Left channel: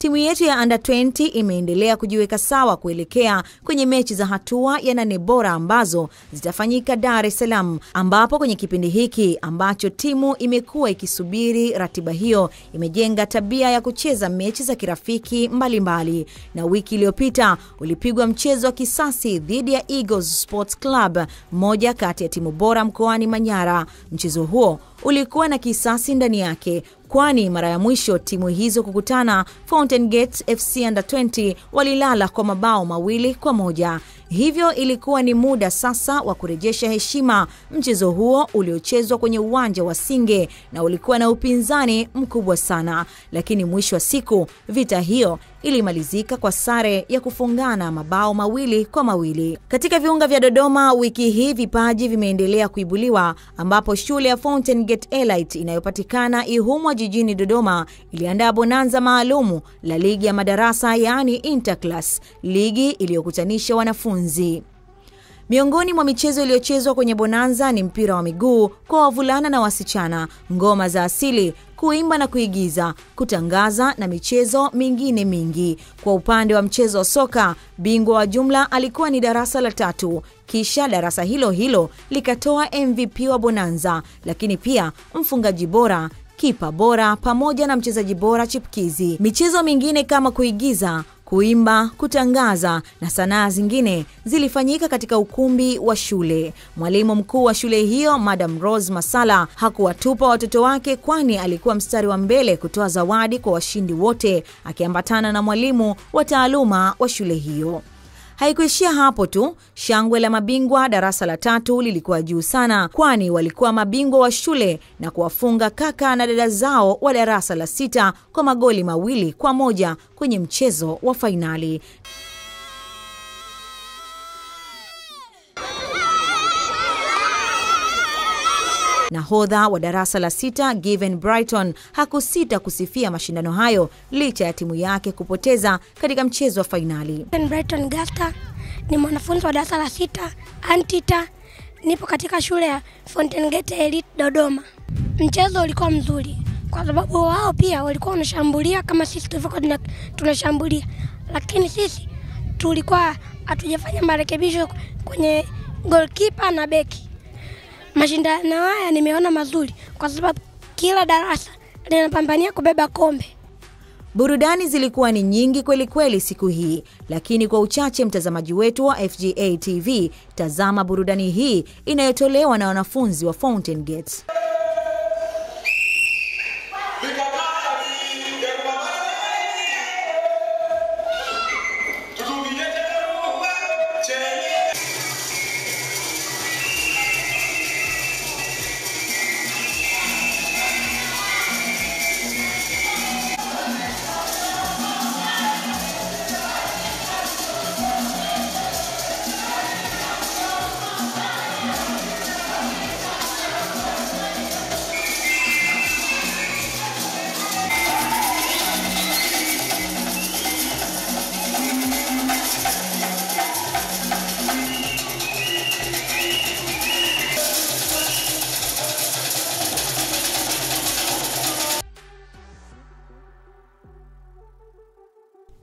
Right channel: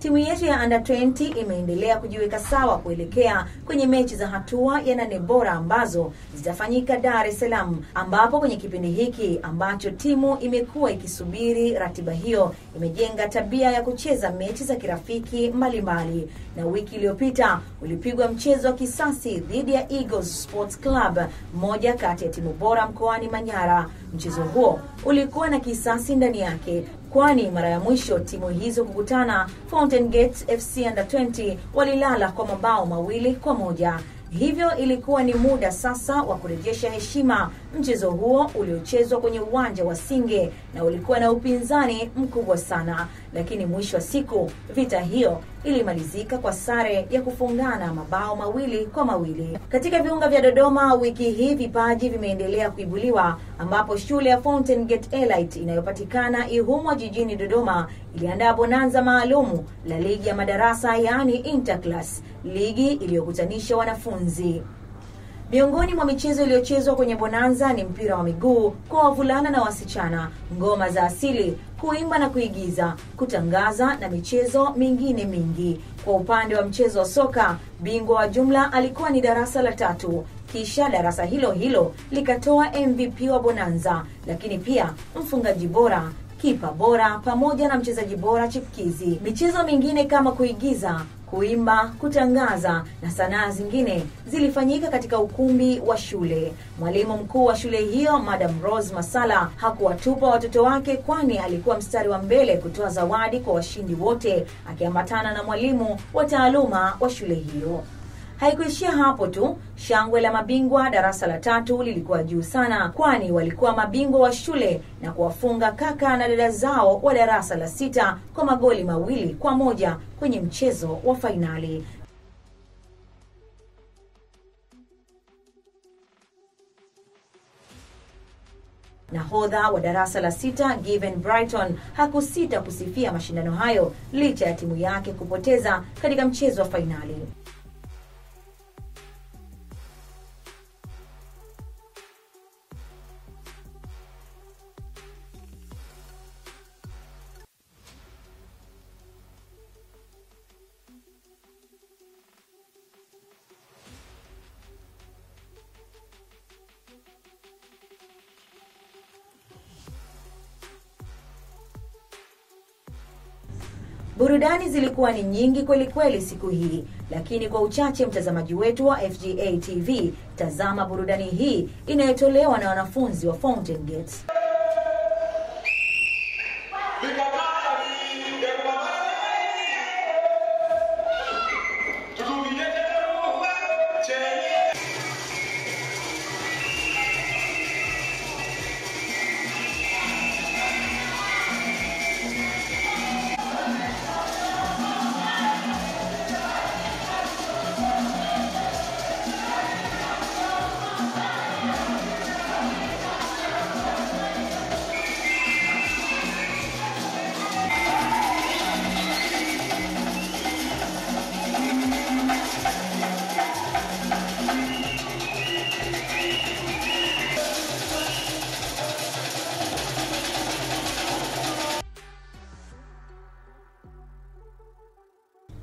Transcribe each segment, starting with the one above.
Timu yetu ya Under 20 imeendelea kujiweka sawa kuelekea kwenye mechi za hatua ya 8 bora ambazo zitafanyika Dar es Salaam, ambapo kwenye kipindi hiki ambacho timu imekuwa ikisubiri ratiba hiyo, imejenga tabia ya kucheza mechi za kirafiki mbalimbali. Na wiki iliyopita ulipigwa mchezo wa kisasi dhidi ya Eagles Sports Club, moja kati ya timu bora mkoani Manyara. Mchezo huo ulikuwa na kisasi ndani yake, kwani mara ya mwisho timu hizo kukutana, Fountain Gate FC Under 20 walilala kwa mabao 2-1. Hivyo ilikuwa ni muda sasa wa kurejesha heshima. Mchezo huo uliochezwa kwenye uwanja wa Singe na ulikuwa na upinzani mkubwa sana, lakini mwisho wa siku vita hiyo ilimalizika kwa sare ya kufungana mabao 2-2. Katika viunga vya Dodoma wiki hii vipaji vimeendelea kuibuliwa, ambapo shule ya Fountain Gate Elite inayopatikana Ihumwa jijini Dodoma iliandaa bonanza maalumu la ligi ya madarasa, yani interclass, ligi iliyokutanisha wanafunzi. Miongoni mwa michezo iliyochezwa kwenye bonanza ni mpira wa miguu kwa wavulana na wasichana, ngoma za asili, kuimba na kuigiza, kutangaza na michezo mingine mingi. Kwa upande wa mchezo wa soka, bingwa wa jumla alikuwa ni darasa la 3. Kisha darasa hilo hilo likatoa MVP wa bonanza, lakini pia mfungaji bora, kipa bora pamoja na mchezaji bora chipkizi. Michezo mingine kama kuigiza, kuimba, kutangaza na sanaa zingine zilifanyika katika ukumbi wa shule. Mwalimu mkuu wa shule hiyo, Madam Rose Masala, hakuwatupa watoto wake, kwani alikuwa mstari wa mbele kutoa zawadi kwa washindi wote, akiambatana na mwalimu wa taaluma wa shule hiyo. Haikuishia hapo tu, shangwe la mabingwa darasa la 3 lilikuwa juu sana, kwani walikuwa mabingwa wa shule na kuwafunga kaka na dada zao wa darasa la 6 kwa magoli 2-1 kwenye mchezo wa fainali. Nahodha wa darasa la 6 Given Brighton hakusita kusifia mashindano hayo licha ya timu yake kupoteza katika mchezo wa fainali. Given Brighton Gasta ni mwanafunzi wa darasa la 6 Antita, nipo katika shule ya Fountain Gate Elite Dodoma. Mchezo ulikuwa mzuri kwa sababu wao pia walikuwa wanashambulia kama sisi tulivyokuwa tunashambulia, lakini sisi tulikuwa hatujafanya marekebisho kwenye goalkeeper na beki. Mashindano haya nimeona mazuri kwa sababu kila darasa linapambania kubeba kombe. Burudani zilikuwa ni nyingi kweli kweli siku hii, lakini kwa uchache mtazamaji wetu wa FGA TV, tazama burudani hii inayotolewa na wanafunzi wa Fountain Gate.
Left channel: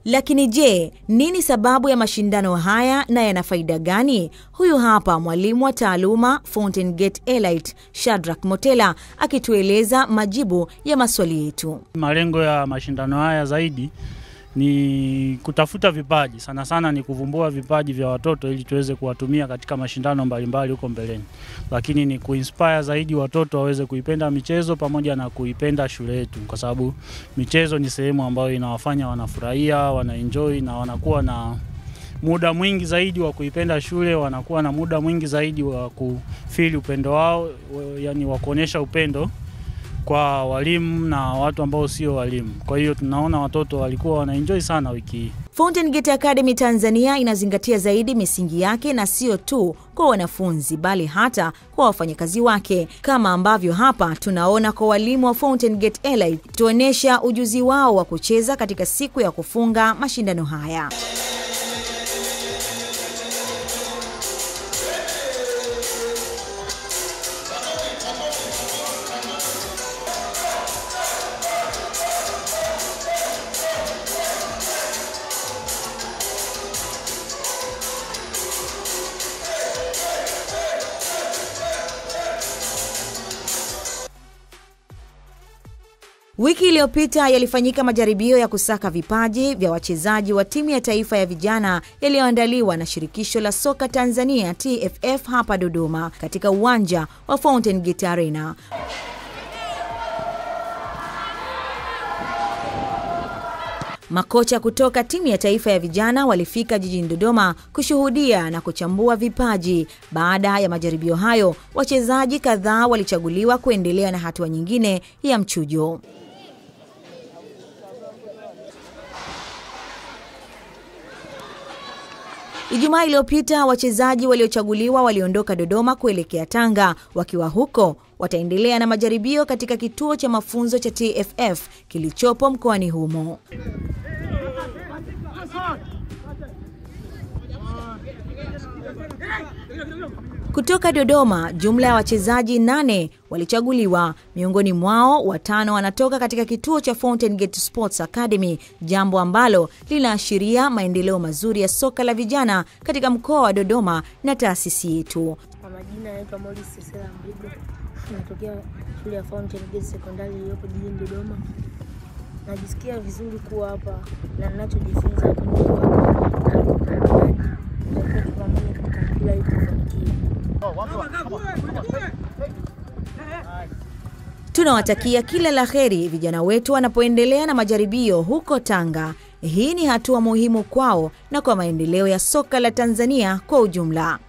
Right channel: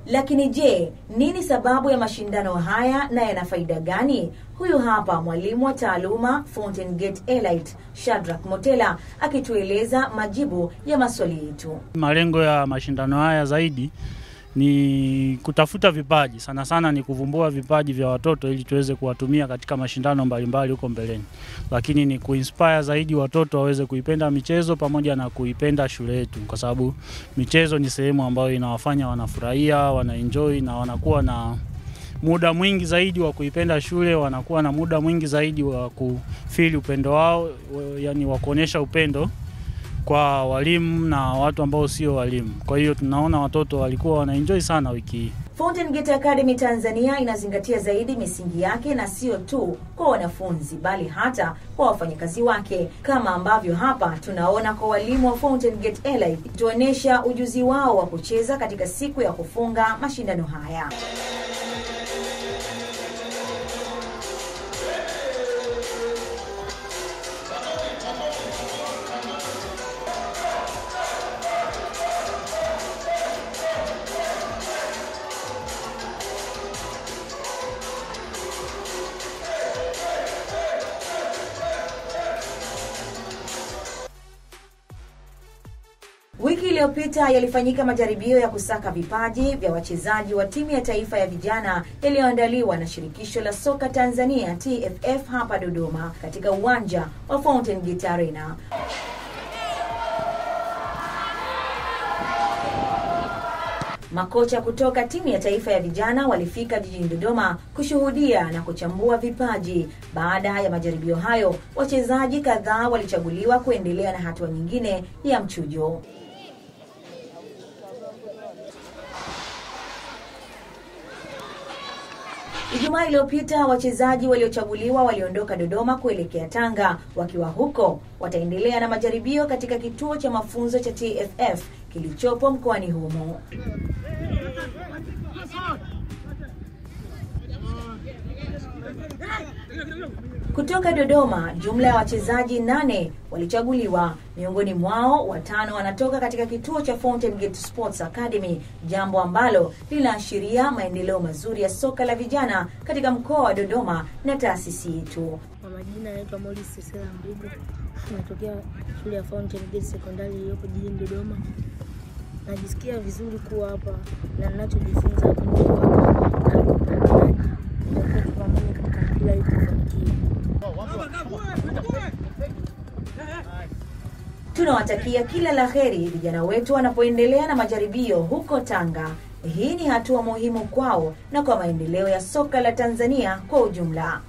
Lakini je, nini sababu ya mashindano haya na yana faida gani? Huyu hapa mwalimu wa taaluma Fountain Gate Elite, Shadrack Motela, akitueleza majibu ya maswali yetu. Malengo ya mashindano haya zaidi ni kutafuta vipaji, sana sana ni kuvumbua vipaji vya watoto ili tuweze kuwatumia katika mashindano mbalimbali huko mbeleni. Lakini ni kuinspire zaidi watoto waweze kuipenda michezo pamoja na kuipenda shule yetu, kwa sababu michezo ni sehemu ambayo inawafanya wanafurahia, wanaenjoy na wanakuwa na muda mwingi zaidi wa kuipenda shule, wanakuwa na muda mwingi zaidi wa kufeel upendo wao, yani wa kuonyesha upendo kwa walimu na watu ambao sio walimu. Kwa hiyo tunaona watoto walikuwa wanaenjoy sana wiki hii. Fountain Gate Academy Tanzania inazingatia zaidi misingi yake, na sio tu kwa wanafunzi bali hata kwa wafanyakazi wake, kama ambavyo hapa tunaona kwa walimu wa Fountain Gate Elite tuonesha ujuzi wao wa kucheza katika siku ya kufunga mashindano haya. Wiki iliyopita yalifanyika majaribio ya kusaka vipaji vya wachezaji wa timu ya taifa ya vijana yaliyoandaliwa na Shirikisho la Soka Tanzania TFF hapa Dodoma katika uwanja wa Fountain Gate Arena. Makocha kutoka timu ya taifa ya vijana walifika jijini Dodoma kushuhudia na kuchambua vipaji. Baada ya majaribio hayo, wachezaji kadhaa walichaguliwa kuendelea na hatua nyingine ya mchujo. Ijumaa iliyopita wachezaji waliochaguliwa waliondoka Dodoma kuelekea Tanga. Wakiwa huko, wataendelea na majaribio katika kituo cha mafunzo cha TFF kilichopo mkoani humo. Kutoka Dodoma, jumla ya wachezaji 8 walichaguliwa. Miongoni mwao 5 wanatoka katika kituo cha Fountain Gate Sports Academy, jambo ambalo linaashiria maendeleo mazuri ya soka la vijana katika mkoa wa Dodoma na taasisi yetu. Kwa majina naitwa Morris Sesela Mbigo, natokea shule ya Fountain Gate Secondary iliyopo jijini Dodoma. Najisikia vizuri kuwa hapa na ninachojifunza Tunawatakia kila laheri vijana wetu wanapoendelea na majaribio huko Tanga. Hii ni hatua muhimu kwao na kwa maendeleo ya soka la Tanzania kwa ujumla.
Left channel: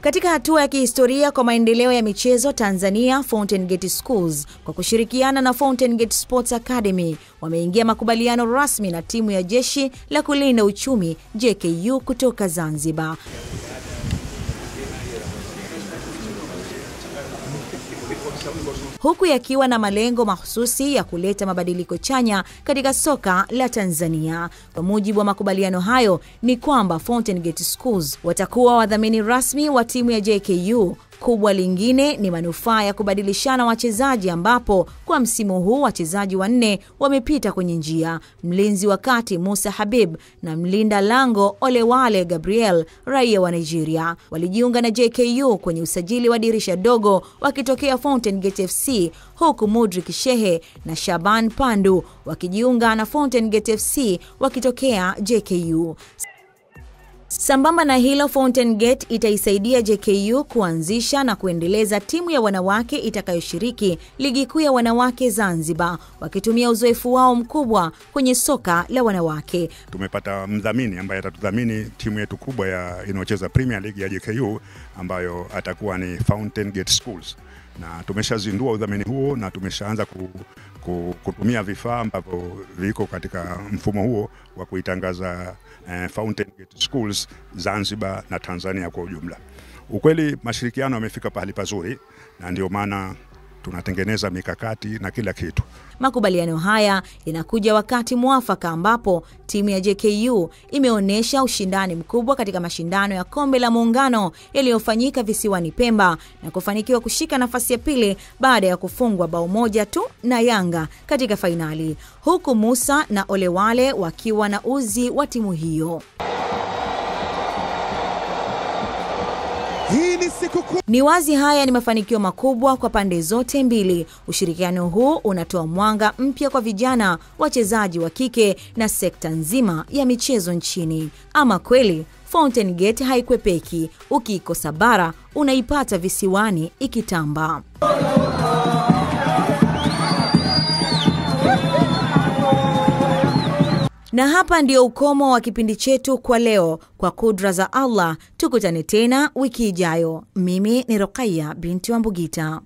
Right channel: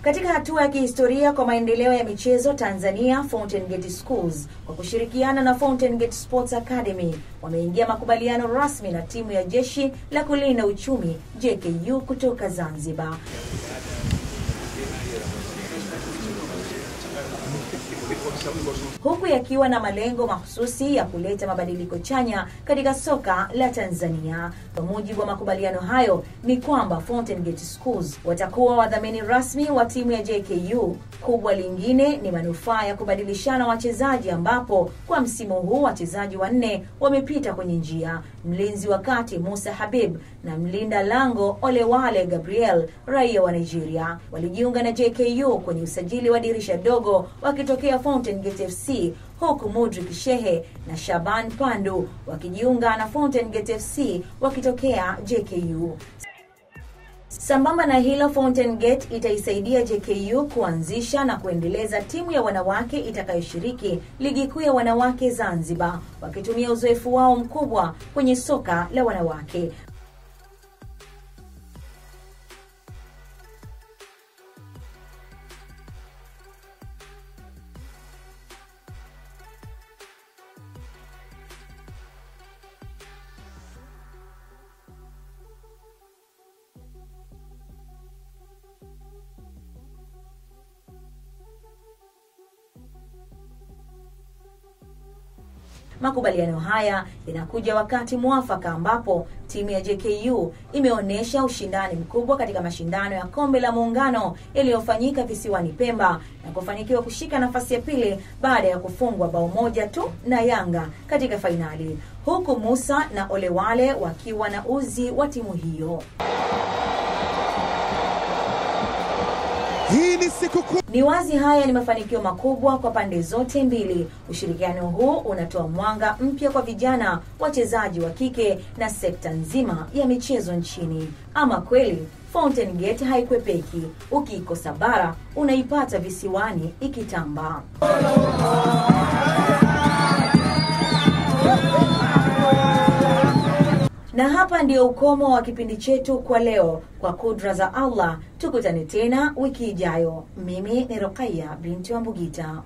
Katika hatua ya kihistoria kwa maendeleo ya michezo Tanzania, Fountain Gate Schools kwa kushirikiana na Fountain Gate Sports Academy wameingia makubaliano rasmi na timu ya Jeshi la Kulinda Uchumi JKU kutoka Zanzibar. Huku yakiwa na malengo mahususi ya kuleta mabadiliko chanya katika soka la Tanzania. Kwa mujibu wa makubaliano hayo ni kwamba Fountain Gate Schools watakuwa wadhamini rasmi wa timu ya JKU. Kubwa lingine ni manufaa ya kubadilishana wachezaji, ambapo kwa msimu huu wachezaji 4 wamepita kwenye njia. Mlinzi wa kati Musa Habib na mlinda lango Olewale Gabriel, raia wa Nigeria, walijiunga na JKU kwenye usajili wa dirisha dogo wakitokea Fountain Gate FC, huku Mudrik Shehe na Shaban Pandu wakijiunga na Fountain Gate FC wakitokea JKU. Sambamba na hilo, Fountain Gate itaisaidia JKU kuanzisha na kuendeleza timu ya wanawake itakayoshiriki ligi kuu ya wanawake Zanzibar, wakitumia uzoefu wao mkubwa kwenye soka la wanawake. Tumepata mdhamini ambaye atatudhamini timu yetu kubwa inayocheza Premier League ya JKU, ambayo atakuwa ni Fountain Gate Schools. Na tumeshazindua udhamini huo na tumeshaanza kutumia vifaa ambavyo viko katika mfumo huo wa kuitangaza Fountain Gate Schools Zanzibar na Tanzania kwa ujumla. Ukweli mashirikiano yamefika pahali pazuri, na ndio maana tunatengeneza mikakati na kila kitu. Makubaliano haya yanakuja wakati mwafaka ambapo timu ya JKU imeonyesha ushindani mkubwa katika mashindano ya Kombe la Muungano yaliyofanyika visiwani Pemba na kufanikiwa kushika nafasi ya pili baada ya kufungwa bao moja tu na Yanga katika fainali, huku Musa na Olewale wakiwa na uzi wa timu hiyo. Ni wazi haya ni mafanikio makubwa kwa pande zote mbili. Ushirikiano huu unatoa mwanga mpya kwa vijana, wachezaji wa kike na sekta nzima ya michezo nchini. Ama kweli Fountain Gate haikwepeki. Ukikosa bara unaipata visiwani ikitamba. Na hapa ndio ukomo wa kipindi chetu kwa leo. Kwa kudra za Allah, tukutane tena wiki ijayo. Mimi ni Rukaya binti wa Mbugita.